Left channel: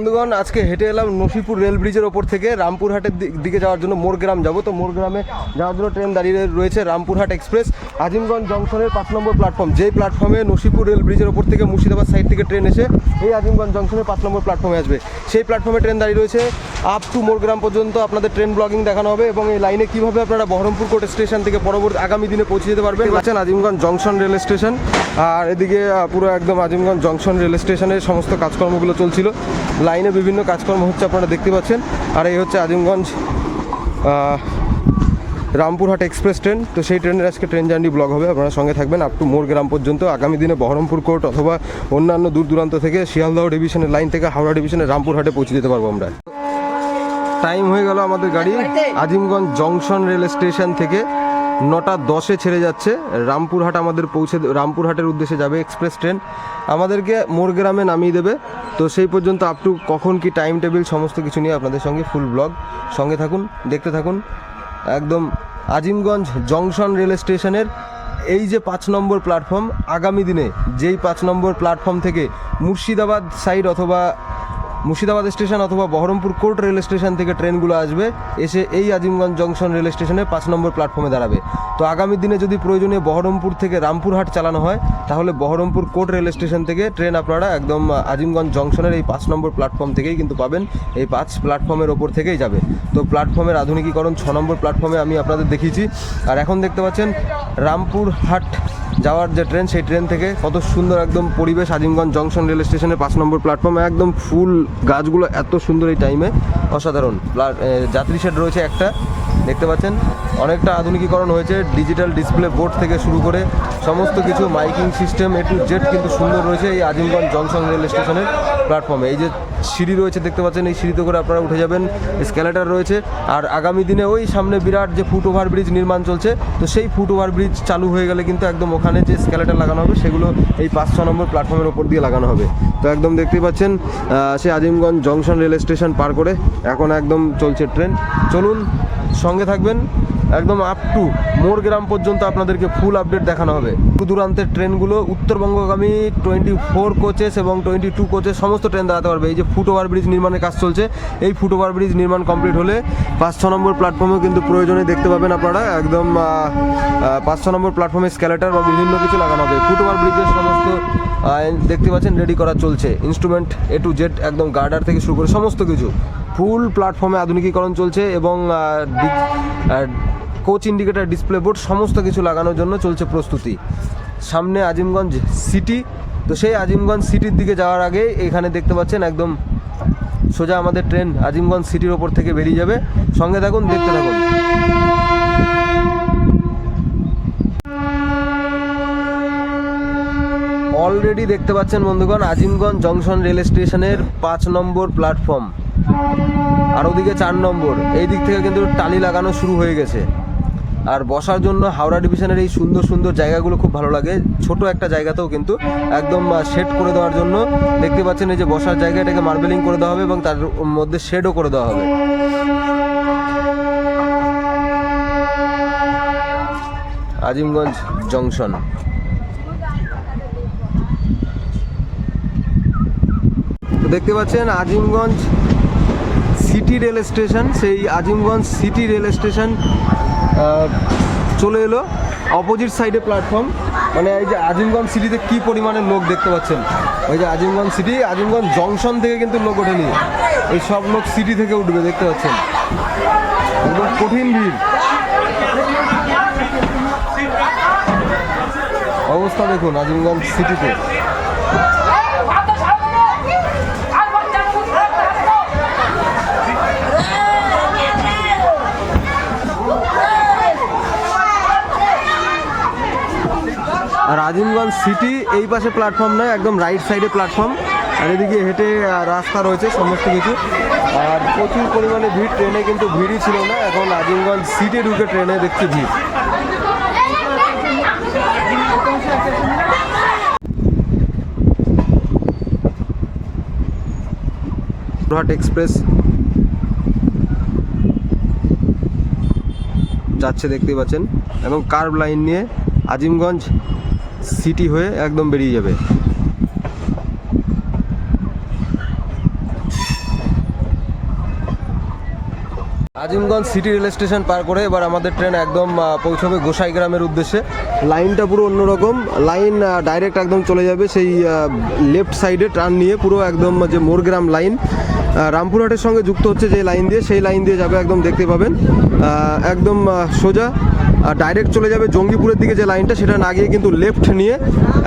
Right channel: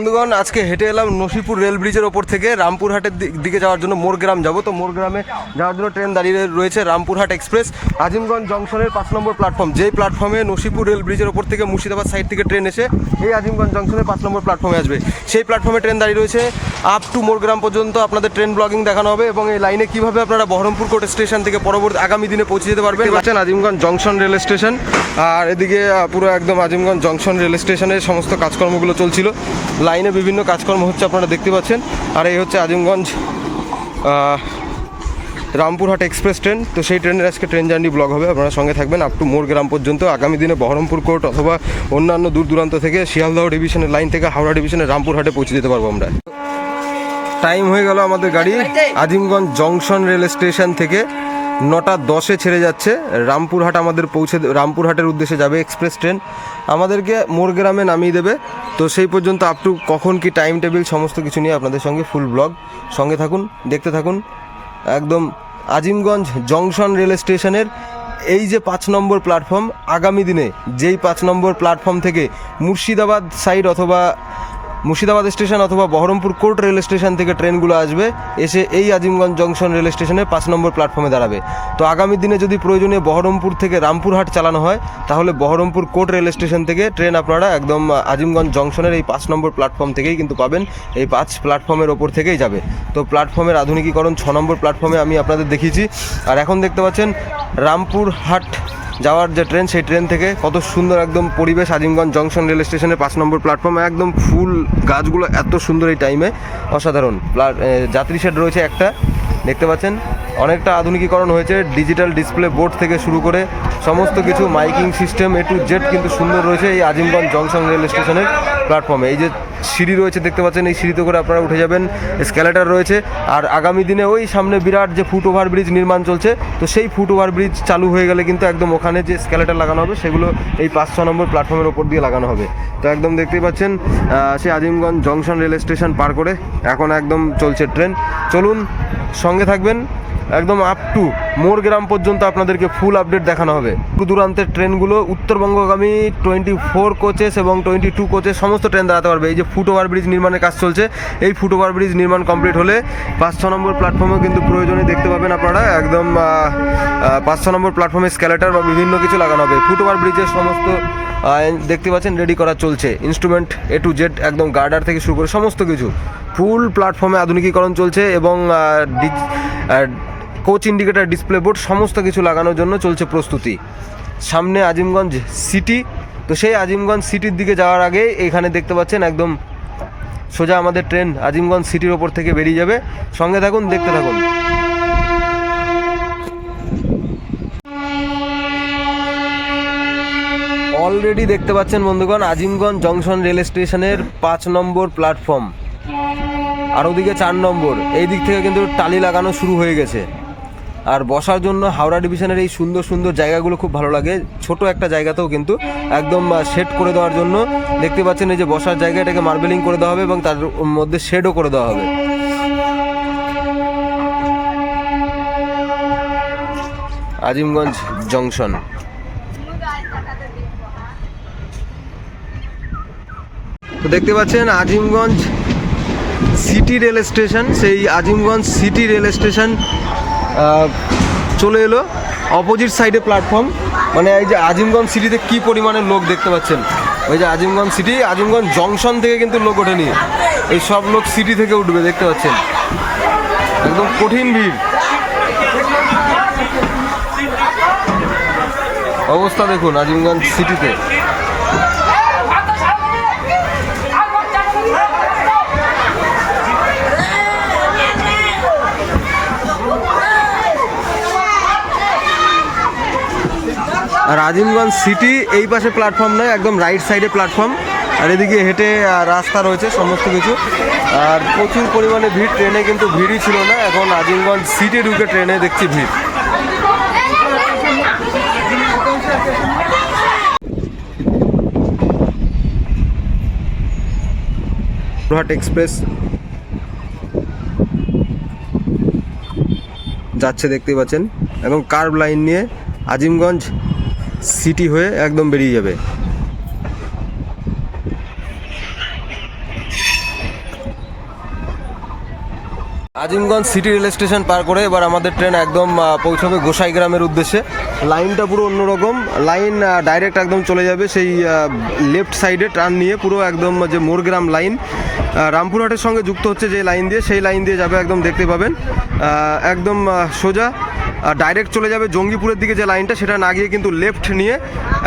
বন্ধুগণ আজকে হেঁটে এলাম নসিপুর রেল ব্রিজের ওপর থেকে রামপুরহাটের দিকে যাওয়ার জন্য মোরগ্রাম যাব। তো মোরগ্রামে যাওয়ার জন্য ট্রেন দাঁড়িয়ে রয়েছে রামপুরহাট এক্সপ্রেস। আজিমগঞ্জ জংশনের পাঁচ নম্বর প্ল্যাটফর্ম। যেই প্ল্যাটফর্মে নসিপুর রেল ব্রিজের ওপর থেকে মুর্শিদাবাদ সাইড থেকে ট্রেন এসে এই আজিমগঞ্জ জংশনের পাঁচ নম্বর প্ল্যাটফর্মে আসবে। সেই প্ল্যাটফর্মে ট্রেন দাঁড়িয়ে রয়েছে আপ টু মোরগ্রাম পর্যন্ত আপনাদের ট্রেন ব্লগিং দেখানো হবে এবং এই লাইনে কীভাবে আপনারা বহরমপুর কোর্ট স্টেশন থেকে পরবর্তী আগামী দিনে পৌঁছে যেতে পারবেন পাচ্ছেন আজিমগঞ্জ জংশন রেল স্টেশন। আর এদিকে পুরো একদম আজিমগঞ্জ জংশন রেল স্টেশনের সমস্ত কাজকর্মগুলো চলছিল। লাইনে বিভিন্ন কাজকর্ম হচ্ছে আপনারা দেখতে পাচ্ছেন। আর এই হচ্ছে আজিমগঞ্জ রামপুরহাট এক্সপ্রেস ট্রেন। তো সেই ট্রেনের আজকে ট্রেন জার্নি ব্লগ হবে, আপনারা সঙ্গে থাকবেন আপ টু মোর গ্রাম পর্যন্ত। আগামী দিনে বহরমপুর কোর্ট অথবা অন্যান্য দূর দূরান্ত থেকে শিয়ালদহ ডিভিশনের লাইন থেকে হাওড়া ডিভিশনের রামপুরহাটে পৌঁছে যেতে পারব আমরা। টাইম হয়ে গেল আমাদের গাড়ি, আজিমগঞ্জ জংশন রেল স্টেশন থেকে। নটা দশে ছেড়ে যাচ্ছে। রামপুরহাট আমাদের পৌঁছে রামপুরহাটের উদ্দেশ্যে যাবে এক্সপ্রেস ট্রেন। আমাদেরকে মোরগ্রামে নামিয়ে দেবে। তো সেই পর্যন্ত আপ টু কখন কি টাইম টেবিল সমস্ত কিছু নিয়ে আপনাদের সঙ্গে ফুল ব্লগ সঙ্গে থাকুন, দেখতে থাকুন। একদম আজিমগঞ্জ জংশন রেল স্টেশনের এই যে পাঁচ নম্বর প্ল্যাটফর্ম আগামী দিনে যেই পাঁচ নম্বর প্ল্যাটফর্ম থেকে মুর্শিদাবাদ সাইড অথবা মুর্শিদাবাদ স্টেশন অথবা বহরমপুর কোর্ট রেল স্টেশন থেকে ট্রেনগুলো আসবে, এসে এই আজিমগঞ্জ জংশন রেল স্টেশনে পাঁচ নম্বর প্ল্যাটফর্মে দাঁড়াবে। তো আগামী দিনে যদি প্রয়োজনীয় বহরমপুর থেকে রামপুরহাট চালানো হয়, তাহলে বহরমপুর কোর্ট রেল স্টেশন থেকে ট্রেন আপনারা একদম আজিমগঞ্জ জংশনের এই পাঁচ নম্বর প্ল্যাটফর্ম থেকেই কিন্তু পাবেন। এই পাঁচ প্ল্যাটফর্মের ওপর থেকেই যাবে। তো প্ল্যাটফর্মের আধুনিকীকরণ ছ নম্বর প্ল্যাটফর্মে আমি আপনাদের দেখিয়েছি। আর এখন দেখতে পাচ্ছেন রামপুরহাট যাওয়ার যে ট্রেন, সেই ট্রেন থেকে কত সুন্দর একদম পরিবেশ আজিমগঞ্জ জংশন রেল স্টেশনের পাঁচ নম্বর প্ল্যাটফর্মে একদম ফুল গাছগুলো এত সুন্দর এই টাইমে অসাধারণ। যাত্রী শেড রয়েছে একটা। দেখতে পাচ্ছেন, অনেকটা আধুনিকীকরণ হয়েছে। ডিজিটাল ডিসপ্লে বোর্ড থেকে শুরু করে সমস্ত কিছু miking system A to Z কিন্তু সুন্দর রয়েছে এই আজিমগঞ্জ জংশন রেল স্টেশনের প্ল্যাটফর্মে। এই যে সিঁড়ি রয়েছে দেখতে পাচ্ছেন এই সিঁড়িতে করে আপনারা উঠে যাবেন স্ক্যালেটার রয়েছে। আর আগামী দিনে ওই সামনে বিরাট যে ফুট ওভার ব্রিজ নির্মাণ চলছে তো সেই ফুট ওভার ব্রিজ চালু হয়ে গেলে কিন্তু একদম ওখানে যে স্ক্যালেটার লাগানো হবে সেগুলো এই পাঁচ ছ নম্বর প্ল্যাটফর্মের ওপর দিয়ে লাগানো হবে। তো একদম দেখতেই পাচ্ছেন আহ, সে আজিমগঞ্জ জংশন রেল স্টেশন পার করে এখন একদম চলছে ট্রেন। চলুন সঙ্গে থাকবেন। একদম আপ টু মোরগ্রাম পর্যন্ত আপনাদেরকে ফুল আপডেট দেখানো হবে। দূর দূরান্তের ট্রেনগুলো, উত্তরবঙ্গগামী টোয়েন্টি ফোর কোচেস এবং টোয়েন্টি টু কোচেস সমস্ত ট্রেন দাঁড়াতে পারবে। এই যে ফুট ওভার ব্রিজ নির্মাণের কাজ চলছে, এই ফুট ওভার ব্রিজ নির্মাণ কমপ্লিট হলে পাঁচ ছ নম্বর প্ল্যাটফর্মেও কিন্তু প্রয়োজনে দেখতে পাবেন আপনারা। একদম পাঁচ ছ নম্বর প্ল্যাটফর্মে স্ক্যালেটার বা বিভিন্ন কিছু লাগানো হবে। ফুট ওভার ব্রিজের সমস্ত দেখতে পাচ্ছেন রেডি করা চলছে। ইনস্ট্রুমেন্ট এ টু জেড একদম গার্ডার থেকে শুরু করে সমস্ত কিছু। ফুল প্ল্যাটফর্মে আধুনিকীকরণ চলছে এবং কোচ ইন্ডিকেটার ডিসপ্লে বোর্ড সমস্ত কিছু লাগানোর জন্য চলছে প্রস্তুতি। সামনে আজিমগঞ্জ সিটি তো সেই আজিমগঞ্জ সিটির দিকে যাওয়ার আগে এখানে দেখতে পাচ্ছেন একদম সোজা আমাদের ট্রেন আজিমগঞ্জ সিটির ওপর থেকে বেরিয়ে যাবে। সঙ্গে থাকুন, দেখতে থাকুন। অলরেডি দেখতে পাচ্ছেন বন্ধুগণ, আজিমগঞ্জ জংশন রেল স্টেশনের পাঁচ নম্বর প্ল্যাটফর্ম আর ওদিকে চার নম্বর। এই দিক থেকে কিন্তু টালি লাগানো শুরু হয়ে গেছে। আর বসার জন্য হাওড়া ডিভিশনের এই সুন্দর সুন্দর জায়গাগুলো খুব ভালো লাগে। ছোট একটা জায়গাতেও কিন্তু একদম সেট করে দেওয়ার জন্য দেখতে পাচ্ছেন এই যে বসার জায়গাটাকে মার্বেলিং করে দেওয়া হবে এবং তার মধ্যে শেডও করে দেওয়া হবে। আজিমগঞ্জ জংশন। তো দেখতে পাচ্ছেন আজিমগঞ্জ সিটি রেল স্টেশন, সেই আজিমগঞ্জ সিটি রেল স্টেশন চলে এলো অপোজিট সাইডে প্ল্যাটফর্ম। মানে এই যে আজিমগঞ্জ সিটিতে কি পরিমাণে লোক দেখতে পাচ্ছেন? ওই যে আজিমগঞ্জ সিটি, আজিমগঞ্জ জংশন থেকে কিন্তু লোক ওঠেনি। এই সব লোক সিটি থেকে উঠবে, দেখতে পাচ্ছেন? একদম কঠিন ভিড়। অবস্থা দেখুন আজিমগঞ্জ সিটিতে। আজিমগঞ্জ সিটি, এই পাশে প্ল্যাটফর্ম নয়, একদম রাইট সাইডে প্ল্যাটফর্ম আর এদিকে হেঁটে রাস্তা রয়েছে, সমস্ত কিছু। আর প্রচুর পরিমাণে ভিড়, ট্রেনে কিন্তু ভিড়ই ছিল না। এখন আজিমগঞ্জ সিটি ঢুকে ট্রেনে দেখছি ভিড়। রোহাট এক্সপ্রেস যাচ্ছে দেখতেই পাচ্ছেন। এবং কার্ভ লাইন নিয়ে আজিমগঞ্জ সিটি হয়ে একদম বেরিয়ে যাবে। আজিমগঞ্জ সিটি রেল স্টেশন পার করে এবার আমাদের ট্রেন একদম পৌঁছবে গোসাই গ্রামের উদ্দেশ্যে। লাইনটা পুরো অন্যরকম। লাইন ডাইরেক্ট একদম চলে যাবে সেই লেফট সাইডে টার্ন নিয়ে পুরো একদম যে মোরগ্রাম লাইন। রামপুরহাটের সঙ্গে যুক্ত হচ্ছে যে লাইন দিয়ে, সেই লাইন দিয়ে যাবে একদম দেখতে পাবেন। একদম সোজা। ডাইরেক্ট চলে যাবে জঙ্গিপুরের দিকে যে লাইনটা সেটা না গিয়ে কিন্তু লেফট নিয়ে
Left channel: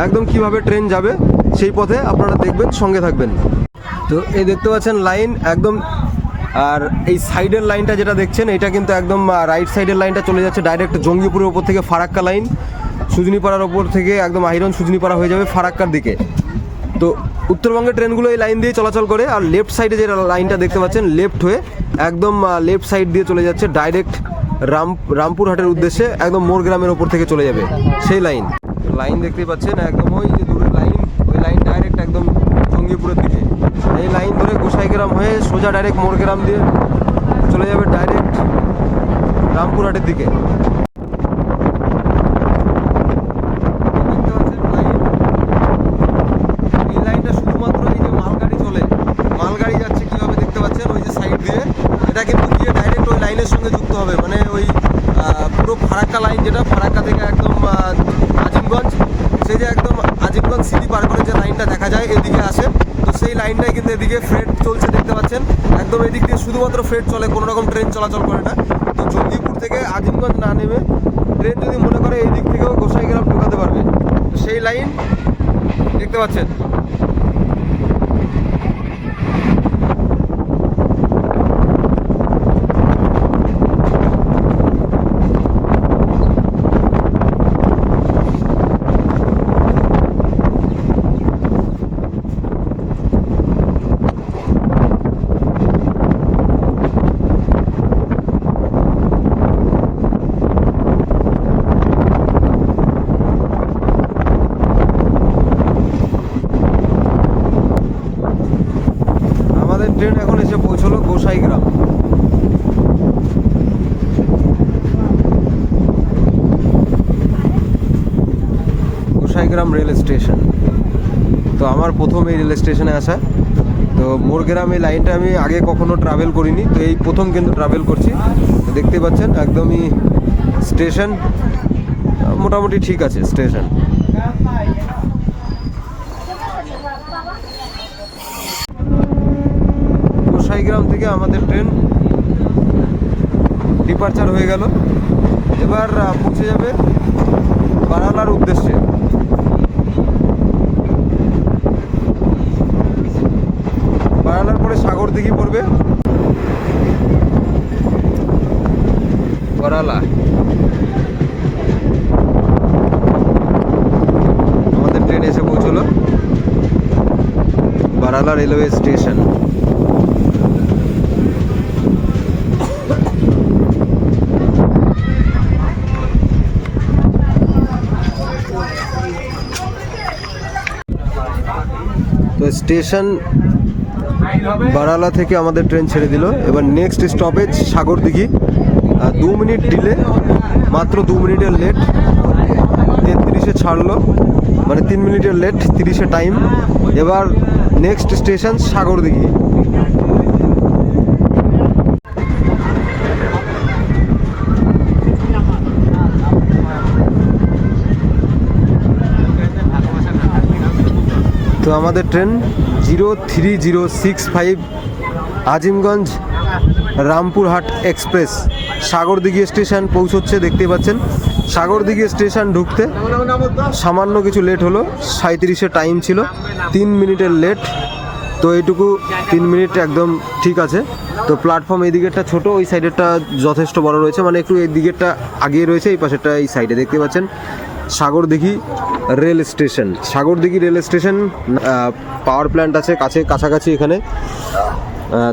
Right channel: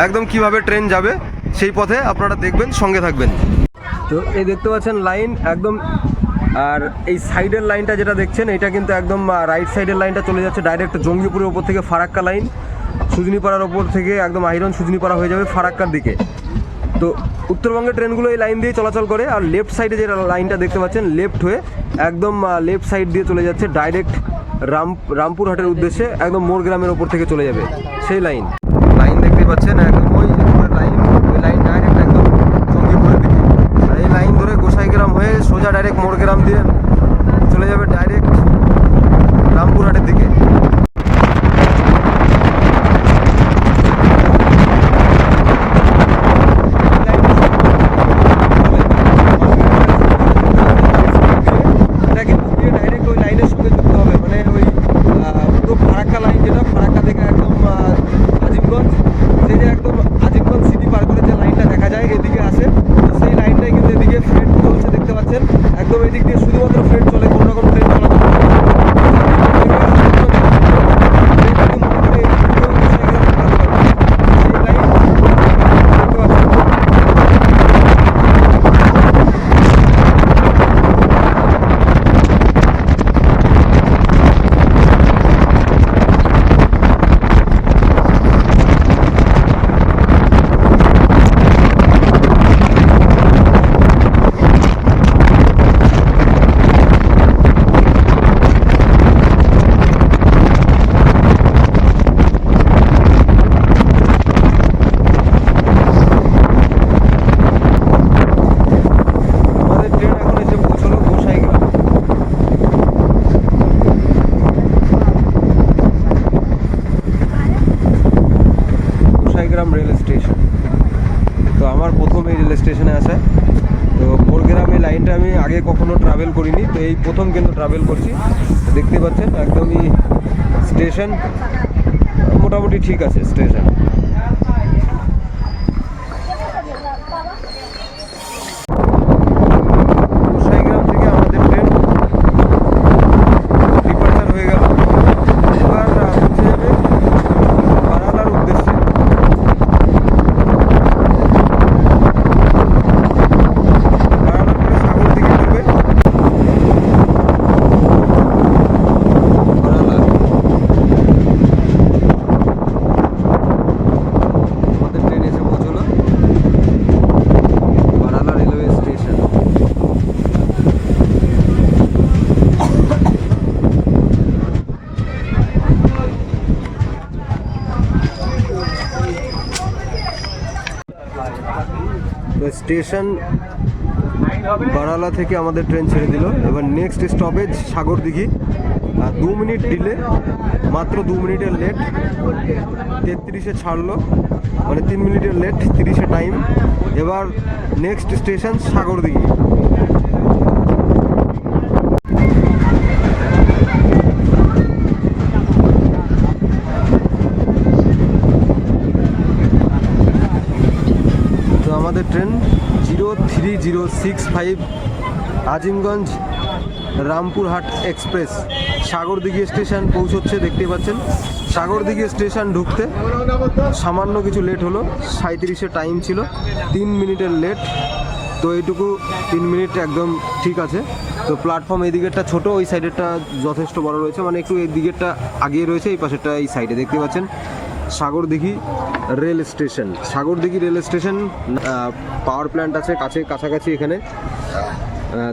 একদম কীভাবে ট্রেন যাবে, সেই পথে আপনারা দেখবেন, সঙ্গে থাকবেন। তো এই দেখতে পাচ্ছেন লাইন একদম, আর এই সাইডের লাইনটা যেটা দেখছেন, এটা কিন্তু একদম রাইট সাইডের লাইনটা চলে যাচ্ছে ডাইরেক্ট জঙ্গিপুরের ওপর থেকে ফারাক্কা লাইন সুজনিপাড়ার ওপর থেকে একদম আইরন সুজনিপাড়া হয়ে যাবে ফারাক্কার দিকে। তো উত্তরবঙ্গের ট্রেনগুলো এই লাইন দিয়ে চলাচল করে, আর লেফট সাইডে যে লাইনটা দেখতে পাচ্ছেন লেফট হয়ে একদম লেফট সাইড দিয়ে চলে যাচ্ছে ডাইরেক্ট রাম, রামপুরহাটের উদ্দেশ্যে একদম মোর গ্রামের ওপর থেকে চলে যাবে সেই লাইন। লাইন দেখতে পাচ্ছেন, একদম ওই যে লাইন, ওই লাইন ডাইরেক্ট একদম জঙ্গিপুরের দিকে। এই লাইন ধরে গোসাইগ্রাম হয়ে সোজা ডাইরেক্ট মোরগ্রাম দিয়ে চলে যাবে ডাইরেক্ট রামপুরহাটের দিকে এই লাইনে সব চলে। মালগাড়ি যাচ্ছে কীভাবে দেখতে পাচ্ছেন ওই side দিয়ে। এটা কিন্তু গিয়ে ডাইরেক্ট ওই লাইনের সঙ্গে যুক্ত হবে মানে ওই আহ, ফারাক্কা লাইন যেটা, ফারাক্কা থেকে একদম আজিবগঞ্জ সেই যে একদম আজিবগঞ্জ সিটি পার করে যে লাইনটা দেখা যায়, এদিকে আসে। তো সেই লাইনটাই কিন্তু এদিকে ফ্রেড চলছে, দেখতে পাচ্ছেন। একদম এদিক দিয়ে শুধুমাত্র ফ্রেড চলে, কোনো রকম ট্রেন চলাচল করে না। থেকে আজিবগঞ্জ যদি মনে করে এই দিক থেকেও গোসাইগ্রাম ঢোকাতে পারবে সেই লাইন দেখতে পাচ্ছেন আমাদের ট্রেন এখন এসে পৌঁছলো গোসাইগ্রাম গোসাইগ্রাম রেল স্টেশন। তো আমার প্রথম এই রেল স্টেশনে আসা। তো মোরগ্রাম এই লাইনটা আমি আগে কখনো ট্রাভেল করিনি, তো এই প্রথম কিন্তু ট্রাভেল করছি। দেখতে পাচ্ছেন, একদমই স্টেশন, মোটামুটি ঠিক আছে, স্টেশন গোসাইগ্রাম থেকে আমাদের ট্রেন ডিপার্চার হয়ে গেল এবার আহ, পৌঁছে যাবে বারালার উদ্দেশ্যে বারালার পরে সাগর দিকে করবে বারালা আমাদের ট্রেন এসে পৌঁছলো বারালা রেলওয়ে স্টেশন তো স্টেশন বারালা থেকে আমাদের ট্রেন ছেড়ে দিল। এবার নেক্সট স্টপেজ সাগরদিঘি দিঘি। দু মিনিট ডিলে মাত্র দু মিনিটের লেট তেত্রিশে ছাড়লো মানে তিন মিনিটের লেট তিরিশে টাইম এবার নেক্সট স্টেশন সাগরদিঘি আমাদের train zero three zero six five Azimganj Rampurhat express. Sagardighi station পৌঁছচ্ছে, দেখতে পাচ্ছেন। সাগরদিঘি স্টেশন ঢুকতে সামান্য কিছু লেট হলো সাঁত্রিশে টাইম ছিল, তিন মিনিটের লেট। তো এইটুকু তিন মিনিট একদম ঠিক আছে। তো প্ল্যাটফর্ম এই দিকেরটা ছোটো, ওই সাইডেরটা যথেষ্ট বড় রয়েছে মানে একটু এই দিকেরটা আগিয়ে রয়েছে, এই পাশেরটা এই সাইডে, দেখতে পাচ্ছেন। Sagardighi rail station. Sagardighi rail station power plant আছে কাছে, কাছাকাছি এখানে।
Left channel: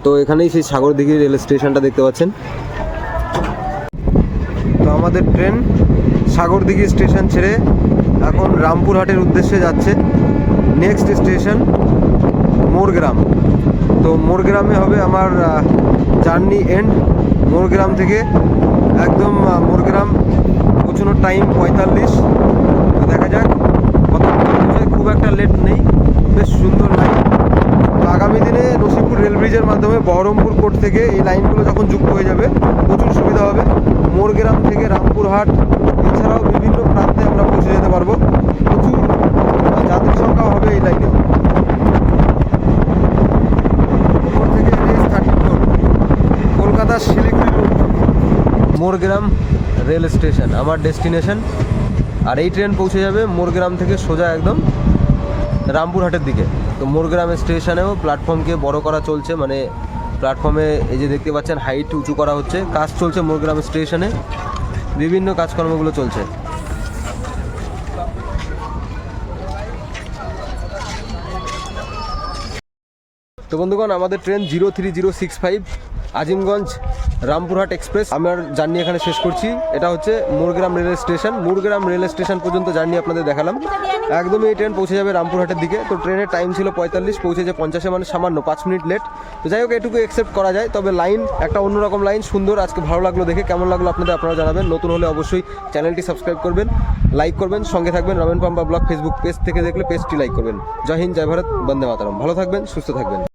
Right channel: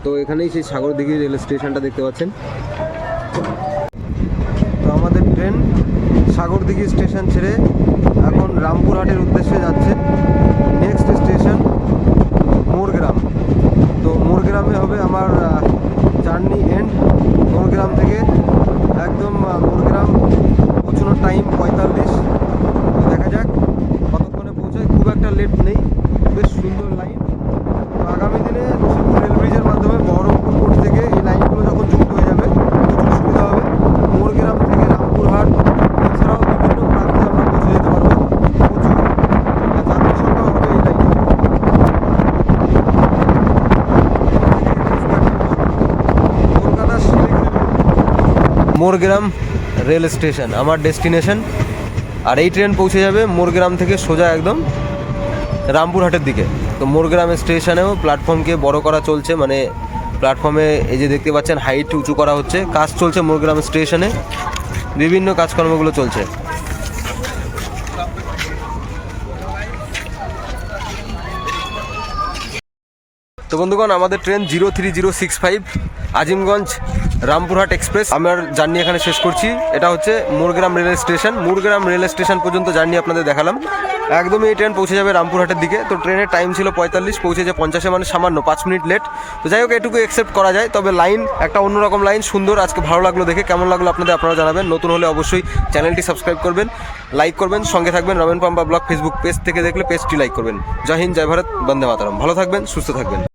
তো এখানেই সেই সাগরদিঘি রেল স্টেশনটা দেখতে পাচ্ছেন। তো আমাদের ট্রেন সাগরদিঘি স্টেশন ছেড়ে এখন রামপুরহাটের উদ্দেশ্যে যাচ্ছে। Next station Morgram. তো মোরগ্রামে হবে আমার জার্নি এন্ড মোরগ্রাম থেকে একদম মোরগ্রাম, পৌঁছানোর টাইম পঁয়তাল্লিশ। দেখা যাক পৌঁছায়, খুব একটা লেট নেই, বেশ সুন্দর লাইন তো আগামী দিনে রশিপুর রেল ব্রিজের মাধ্যমে বহরমপুর কোর্ট থেকে এই লাইনগুলো যখন যুক্ত হয়ে যাবে, প্রচুর সুবিধা হবে। মোরগ্রাম থেকে রামপুরহাট, এছাড়াও বিভিন্ন প্রান্তে আমরা পৌঁছে যেতে পারব। প্রচুর যাত্রী সংখ্যা হবে এই লাইনে মোরগ্রাম রেল স্টেশন, আমার ডেস্টিনেশন। আর এই ট্রেন পৌঁছে যাবে মোরগ্রাম থেকে সোজা একদম রামপুরহাটের দিকে। তো মোরগ্রাম স্টেশনেও প্ল্যাটফর্মকে বড় করা চলছে মানে প্ল্যাটফর্মে এই যে দেখতে পাচ্ছেন, হাইট উঁচু করা হচ্ছে। কাজ চলছে মোরগ্রাম স্টেশনে। বিভিন্ন কাজকর্মগুলো চলছে। তো বন্ধুগণ, আমাদের train zero three zero six five, Azimganj Rampurhat express. আমার জার্নি এখানে শেষ করছি। এটা হচ্ছে Murgram rail station. Murgram rail station পর্যন্ত জার্নি আপনাদের দেখালাম। একদমই এই ট্রেন পৌঁছে যাবে রামপুরহাটের দিকে। তো ট্রেনের টাইম ছিল পঁয়তাল্লিশ, পৌঁছেছে পঞ্চাশে মানে সামান্য পাঁচ মিনিট লেট তো যাই হোক, এটুকু অ্যাকসেপ্ট করা যায়। তবে লাইন একটা অন্যরকম লাইন সুন্দর। আজকে ভালো লাগল দেখে। কেমন লাগল আপনাদের আপনারা জানাবেন। নতুন হলে অবশ্যই চ্যানেলটি সাবস্ক্রাইব করবেন লাইক করবেন, সঙ্গে থাকবেন Ramen Pampa blog Facebook page থেকে দেখলে পেজটি লাইক করবেন। জয় হিন্দ, জয় ভারত, বন্দে মাতারাম। ভালো থাকবেন, সুস্থ থাকবেন।